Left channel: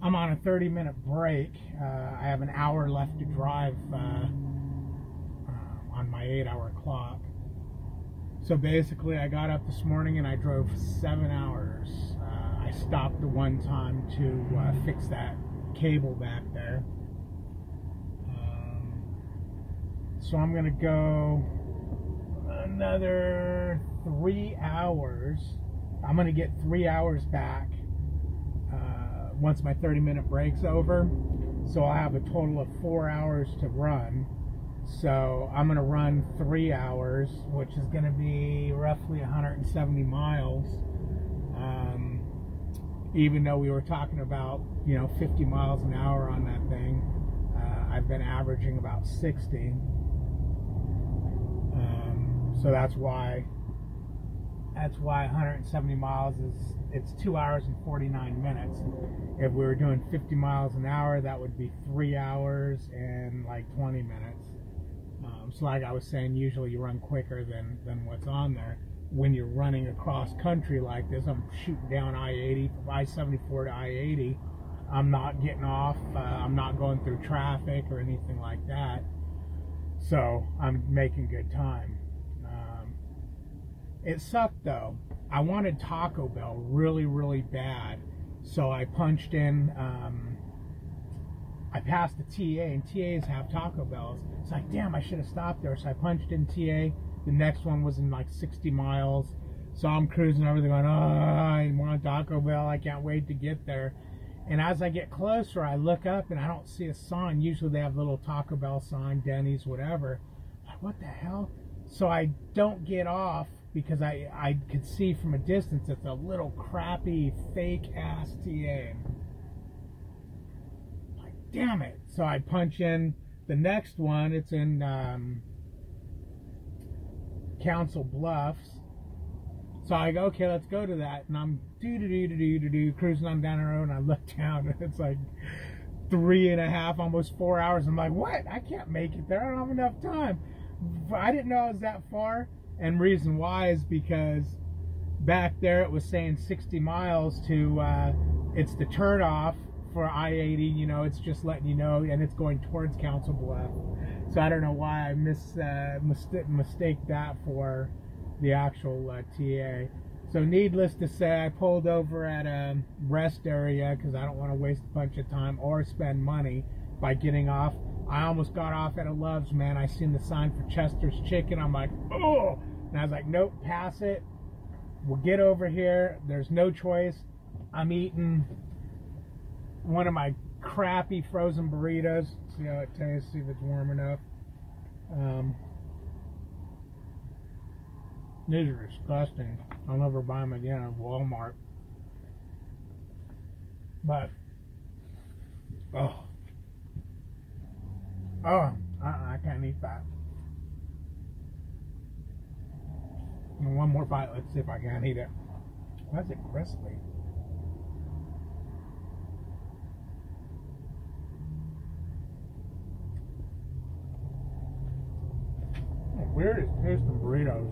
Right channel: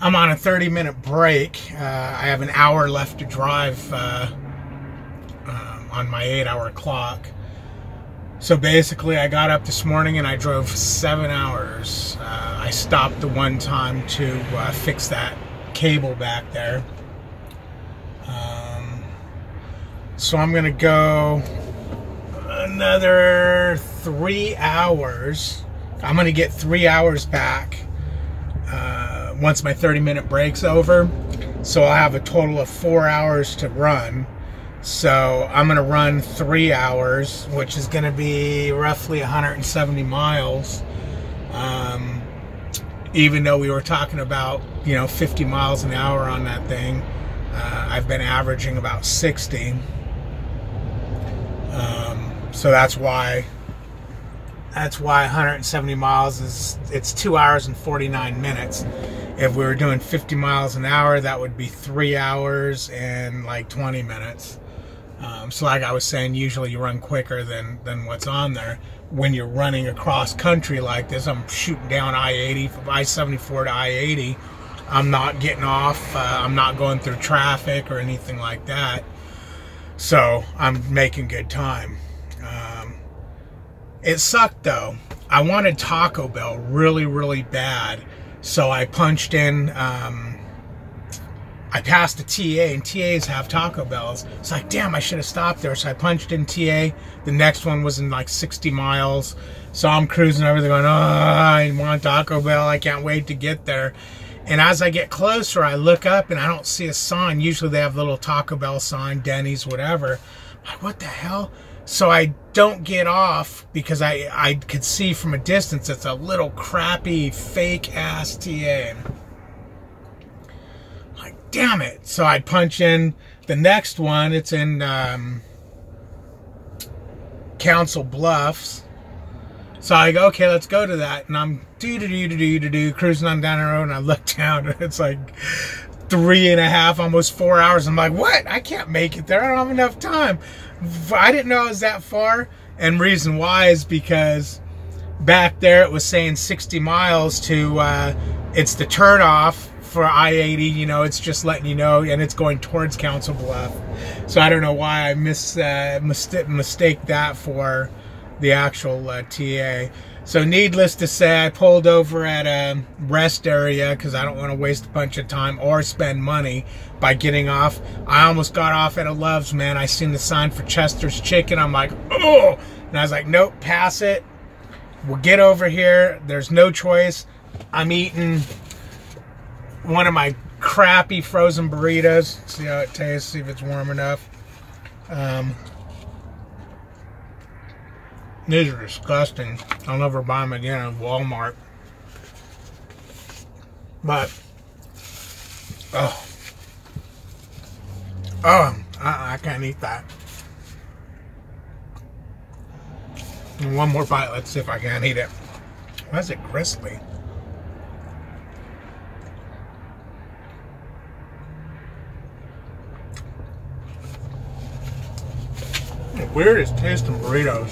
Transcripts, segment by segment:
I'm on a 30-minute break. I have an hour left to drive on my 8-hour clock. So basically, I got up this morning and I drove 7 hours. I stopped the one time to fix that cable back there. So I'm gonna go another 3 hours. I'm gonna get 3 hours back once my 30-minute break's over. So I'll have a total of 4 hours to run. So I'm gonna run 3 hours, which is gonna be roughly 170 miles. Even though we were talking about, 50 miles an hour on that thing, I've been averaging about 60. So that's why 170 miles it's 2 hours and 49 minutes. If we were doing 50 miles an hour, that would be 3 hours and like 20 minutes. So like I was saying, usually you run quicker than what's on there. When you're running across country like this, I'm shooting down I-80, from I-74 to I-80. I'm not getting off. I'm not going through traffic or anything like that. So I'm making good time. It sucked though. I wanted Taco Bell really, really bad. So I punched in, I passed a TA, and TAs have Taco Bells. It's like, damn, I should have stopped there. So I punched in TA. The next one was in like 60 miles. So I'm cruising over there going, oh, I want Taco Bell. I can't wait to get there. And as I get closer, I look up and I don't see a sign. Usually they have a little Taco Bell sign, Denny's, whatever. I'm like, what the hell? So I don't get off because I could see from a distance it's a little crappy, fake-ass TA. Like, damn it. So I punch in the next one. It's in Council Bluffs. So I go, okay, let's go to that. And I'm cruising on down the road, and I look down, and it's like 3.5, almost 4 hours. I'm like, what? I can't make it there. I don't have enough time. I didn't know it was that far. And reason why is because back there it was saying 60 miles to, it's the turnoff for I-80, it's just letting you know, and it's going towards Council Bluff. So I don't know why I mistake that for the actual TA. So needless to say, I pulled over at a rest area because I don't want to waste a bunch of time or spend money by getting off. I almost got off at a Love's, man. I seen the sign for Chester's Chicken. I'm like, oh! And I was like, nope, pass it. We'll get over here. There's no choice. I'm eating one of my crappy frozen burritos. See how it tastes, see if it's warm enough. These are disgusting. I'll never buy them again at Walmart. But, I can't eat that. And one more bite. Let's see if I can eat it. Why is it gristly? The weirdest tasting burritos.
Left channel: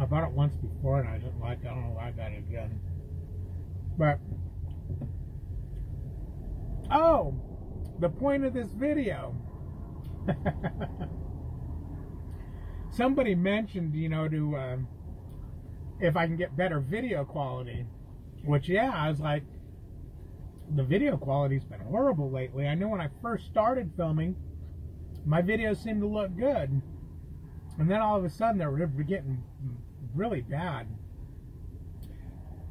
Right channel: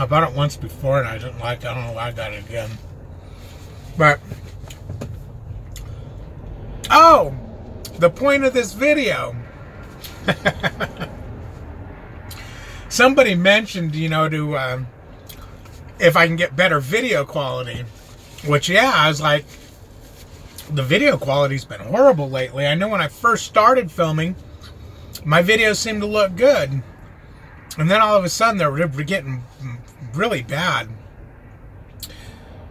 I bought it once before and I didn't like it. I don't know why I got it again. But, oh, the point of this video. Somebody mentioned, to, if I can get better video quality. Which, yeah, I was like, the video quality's been horrible lately. I know when I first started filming, my videos seemed to look good. And then all of a sudden, they're getting really bad.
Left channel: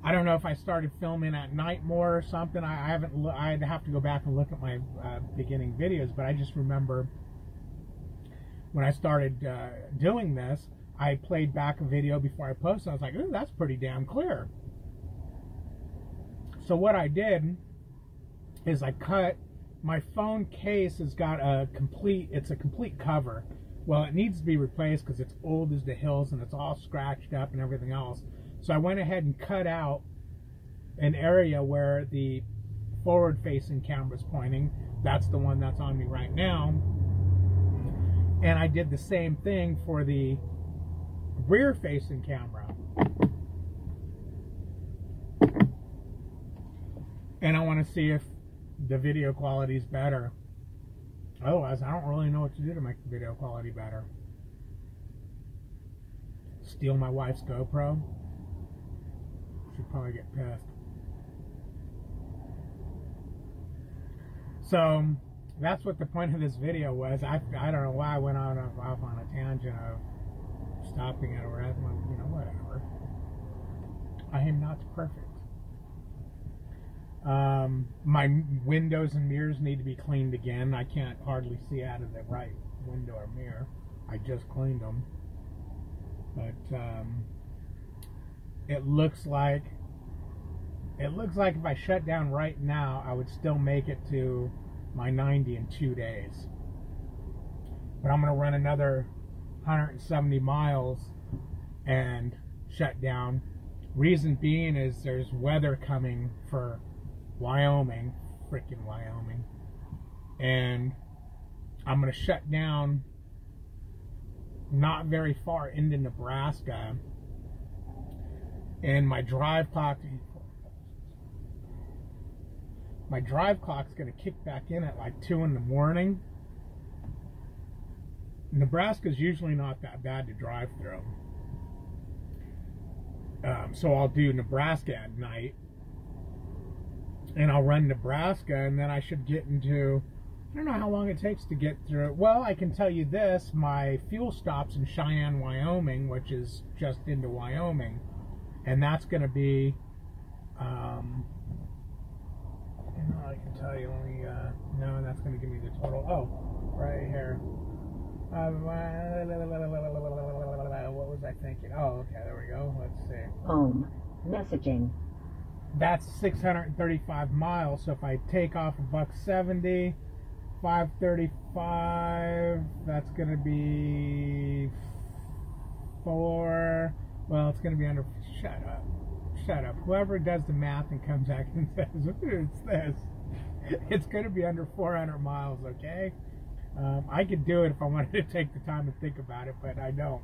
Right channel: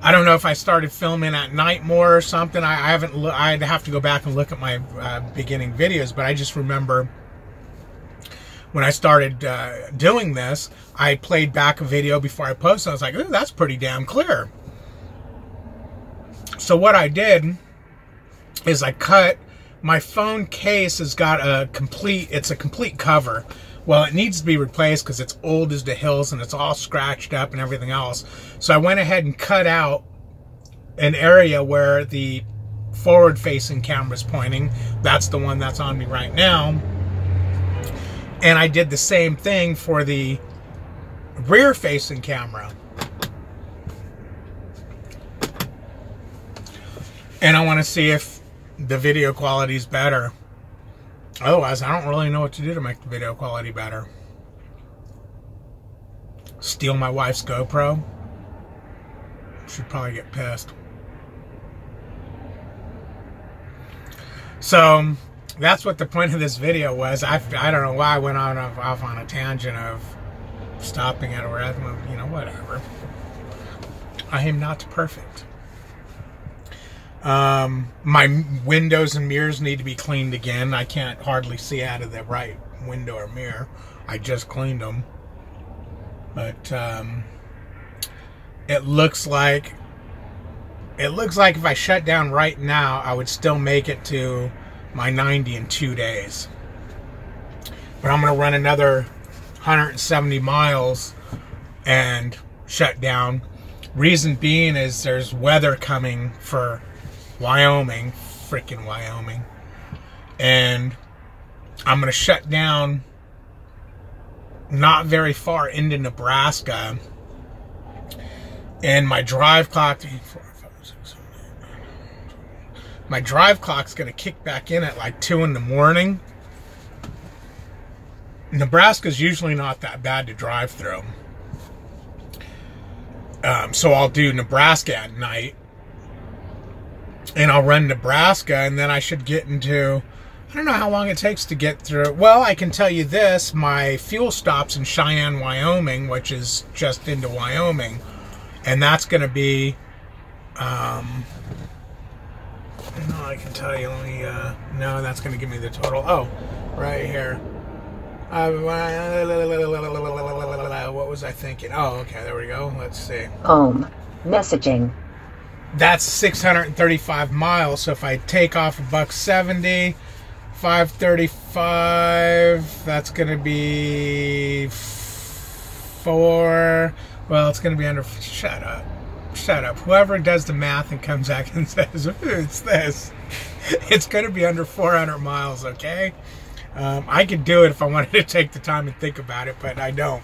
I don't know if I started filming at night more or something. I'd have to go back and look at my beginning videos, but I just remember when I started doing this, I played back a video before I posted. I was like, ooh, that's pretty damn clear. So what I did is I cut my phone case. Has got it's a complete cover. Well, it needs to be replaced because it's old as the hills and it's all scratched up and everything else. So I went ahead and cut out an area where the forward-facing camera is pointing. That's the one that's on me right now. And I did the same thing for the rear-facing camera. And I want to see if the video quality is better. Otherwise, I don't really know what to do to make the video quality better. Steal my wife's GoPro? She'd probably get pissed. So, that's what the point of this video was. I don't know why I went off on a tangent of stopping at a red, you know, whatever. I am not perfect. My windows and mirrors need to be cleaned again. I can't hardly see out of the right window or mirror. I just cleaned them. But it looks like if I shut down right now, I would still make it to my 90 in 2 days. But I'm going to run another 170 miles and shut down. Reason being is there's weather coming for Wyoming, freaking Wyoming. And I'm going to shut down not very far into Nebraska. And my drive clock, is going to kick back in at like 2 in the morning. Nebraska's usually not that bad to drive through. So I'll do Nebraska at night. And I'll run Nebraska, and then I should get into, I don't know how long it takes to get through. Well, I can tell you this, my fuel stop's in Cheyenne, Wyoming, which is just into Wyoming. And that's going to be, I don't know, I can tell you, let me, no, that's going to give me the total. Oh, right here. What was I thinking? Oh, okay, there we go. Let's see. Home. Messaging. That's 635 miles. So if I take off $1.70, 535, that's going to be 4. Well, it's going to be under. Shut up. Shut up. Whoever does the math and comes back and says, it's this. It's going to be under 400 miles, okay? I could do it if I wanted to take the time and think about it, but I don't.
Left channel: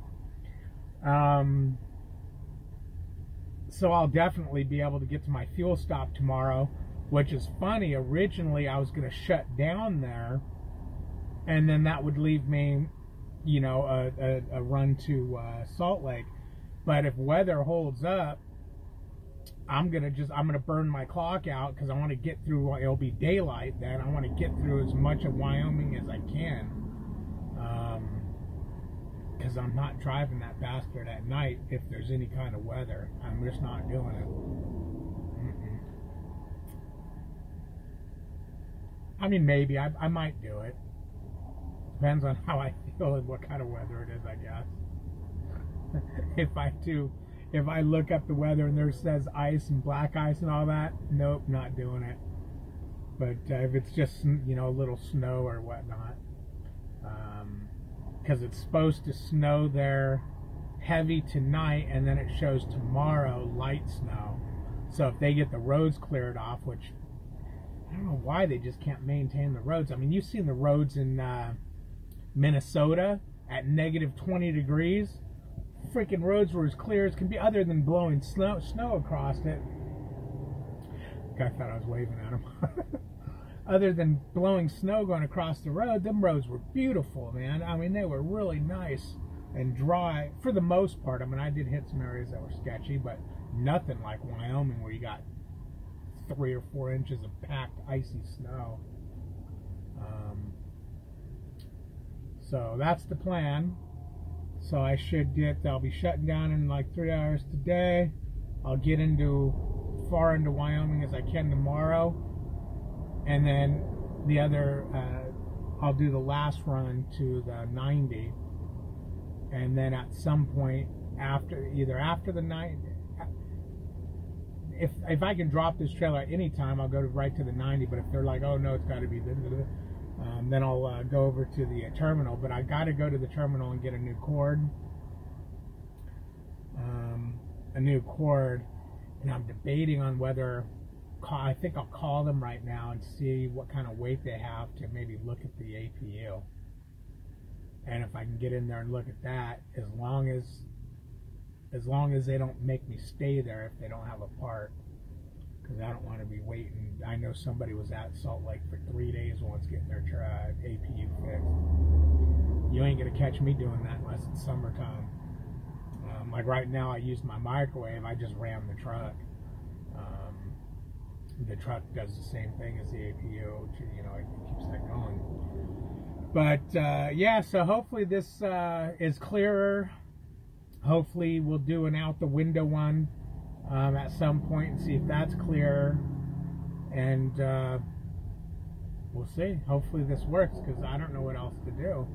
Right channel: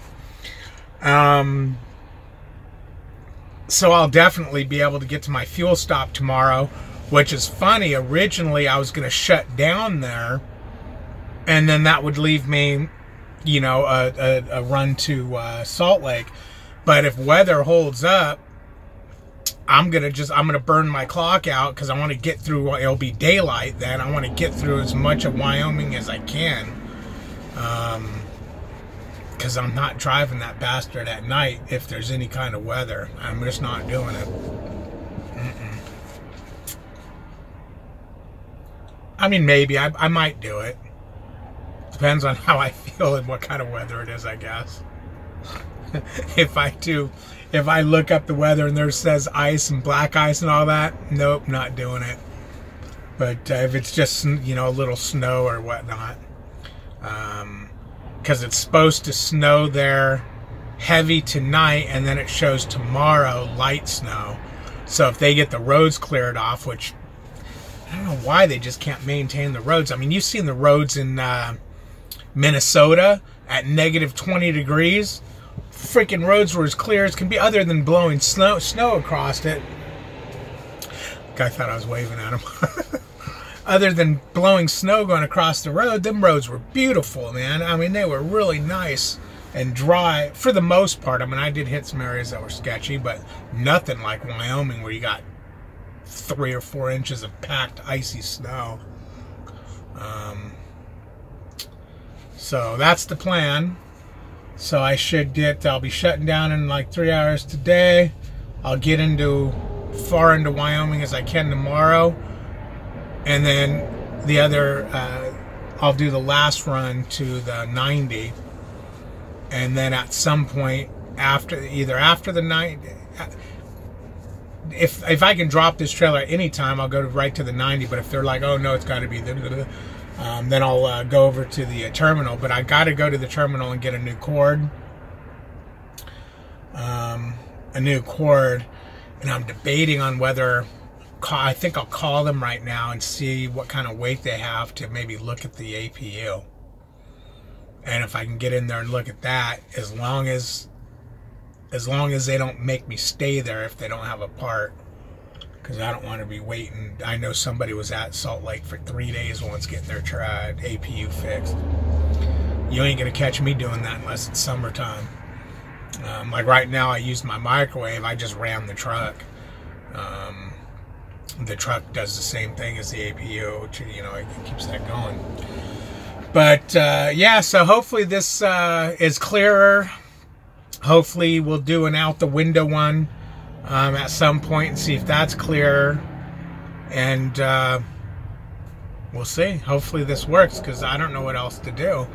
So I'll definitely be able to get to my fuel stop tomorrow, which is funny. Originally, I was going to shut down there, and then that would leave me, you know, a run to Salt Lake. But if weather holds up, I'm gonna burn my clock out because I want to get through. It'll be daylight then. I want to get through as much of Wyoming as I can, because I'm not driving that bastard at night if there's any kind of weather. I'm just not doing it. I mean, maybe I might do it. Depends on how I feel and what kind of weather it is, I guess. If I look up the weather and there says ice and black ice and all that, nope, not doing it. But if it's just, you know, a little snow or whatnot, because it's supposed to snow there heavy tonight, and then it shows tomorrow light snow. So if they get the roads cleared off, which I don't know why they just can't maintain the roads. I mean, you've seen the roads in Minnesota at negative 20 degrees. Freaking roads were as clear as can be, other than blowing snow across it. Guy thought I was waving at him. Other than blowing snow going across the road, them roads were beautiful, man. I mean, they were really nice and dry for the most part. I mean, I did hit some areas that were sketchy, but nothing like Wyoming where you got 3 or 4 inches of packed icy snow. So that's the plan. So I'll be shutting down in like 3 hours today. I'll get far into Wyoming as I can tomorrow. And then the other, I'll do the last run to the 90. And then at some point either after the 90, if I can drop this trailer at any time, I'll go right to the 90. But if they're like, oh no, it's got to be then I'll go over to the terminal. But I got to go to the terminal and get a new cord. And I'm debating on whether, I think I'll call them right now and see what kind of weight they have to maybe look at the APU. And if I can get in there and look at that, as long as they don't make me stay there if they don't have a part, because I don't want to be waiting. I know somebody was at Salt Lake for 3 days once getting their APU fixed. You ain't gonna catch me doing that unless it's summertime. Like right now, I used my microwave. I just ran the truck. The truck does the same thing as the APU, which, you know, it keeps that going. But yeah, so hopefully this is clearer. Hopefully we'll do an out the window one at some point and see if that's clearer. And we'll see. Hopefully this works, because I don't know what else to do.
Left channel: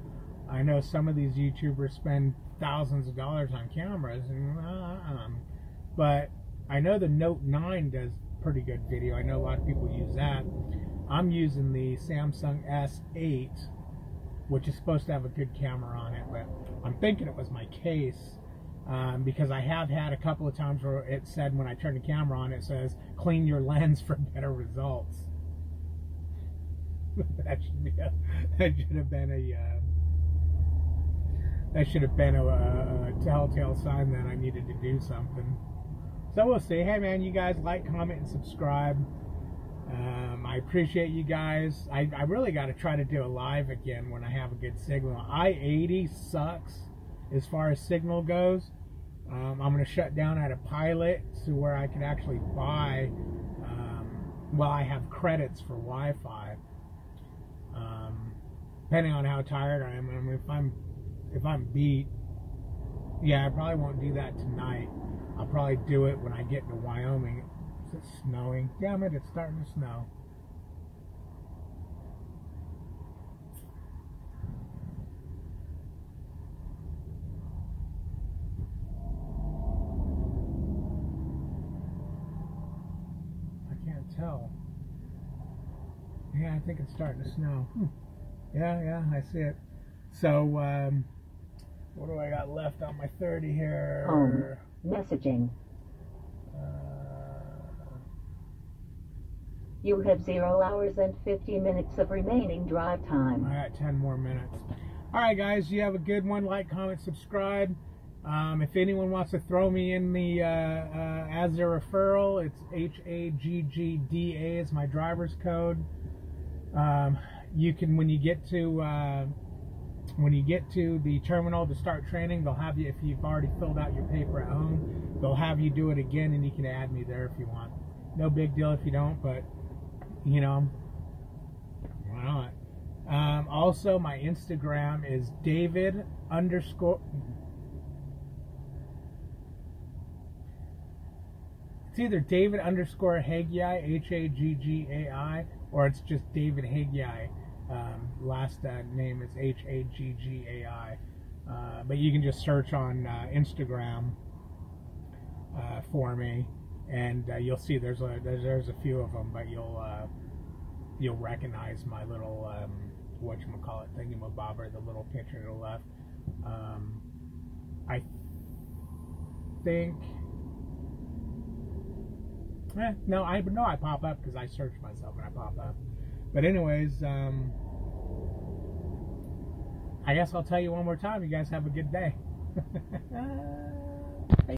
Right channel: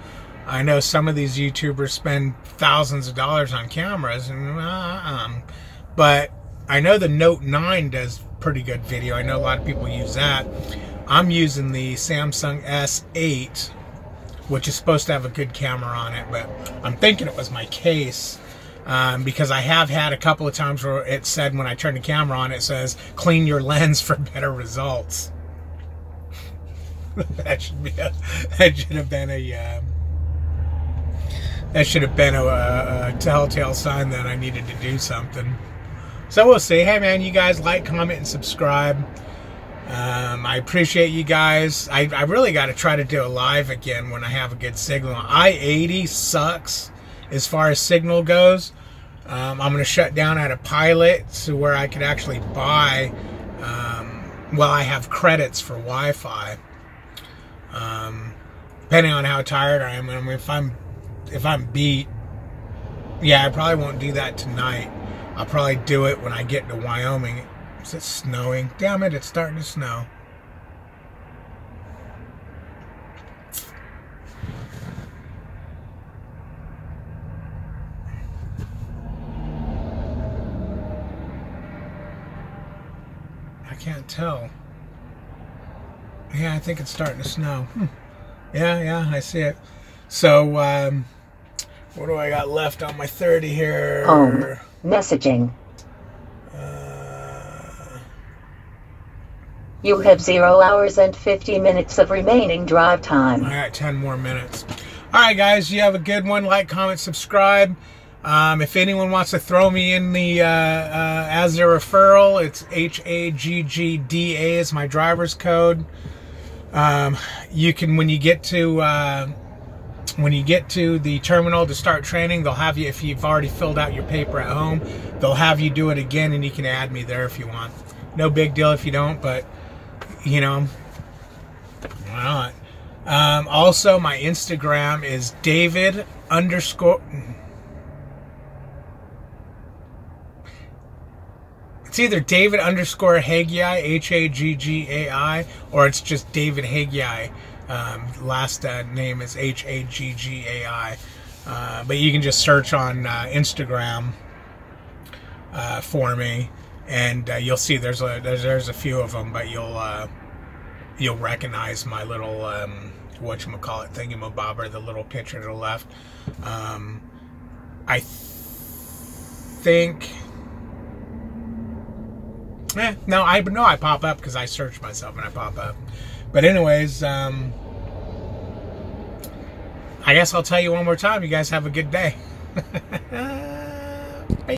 I know some of these YouTubers spend thousands of dollars on cameras, and but I know the Note 9 does pretty good video. I know a lot of people use that. I'm using the Samsung S8, which is supposed to have a good camera on it, but I'm thinking it was my case, because I have had a couple of times where it said, when I turn the camera on, it says clean your lens for better results. That should have been a telltale sign that I needed to do something. So we'll see. Hey man, you guys like, comment, and subscribe. I appreciate you guys. I really got to try to do a live again when I have a good signal. I-80 sucks as far as signal goes. I'm going to shut down at a Pilot to where I could actually buy, well, I have credits for Wi-Fi. Depending on how tired I am. I mean, if I'm beat, yeah, I probably won't do that tonight. I'll probably do it when I get to Wyoming. Is it snowing? Damn it, it's starting to snow. I can't tell. Yeah, I think it's starting to snow. Yeah, I see it. So, what do I got left on my 30 here? Home. Messaging. You have 0 hours and 50 minutes of remaining drive time. I got 10 more minutes. All right, guys, you have a good one. Like, comment, subscribe. If anyone wants to throw me in the as their referral, it's HAGGDA is my driver's code. You can, when you get to the terminal to start training, they'll have you, if you've already filled out your paper at home, they'll have you do it again, and you can add me there if you want. No big deal if you don't, but you know, why not? Also, my Instagram is David_. It's either David_Haggai, Haggai, or it's just David Haggai. Last name is Haggai. But you can just search on Instagram for me, and you'll see there's a few of them, but you'll recognize my little whatchamacallit thingamabobber, the little picture to the left. I think. No, I pop up because I search myself and I pop up. But anyways, I guess I'll tell you one more time. You guys have a good day.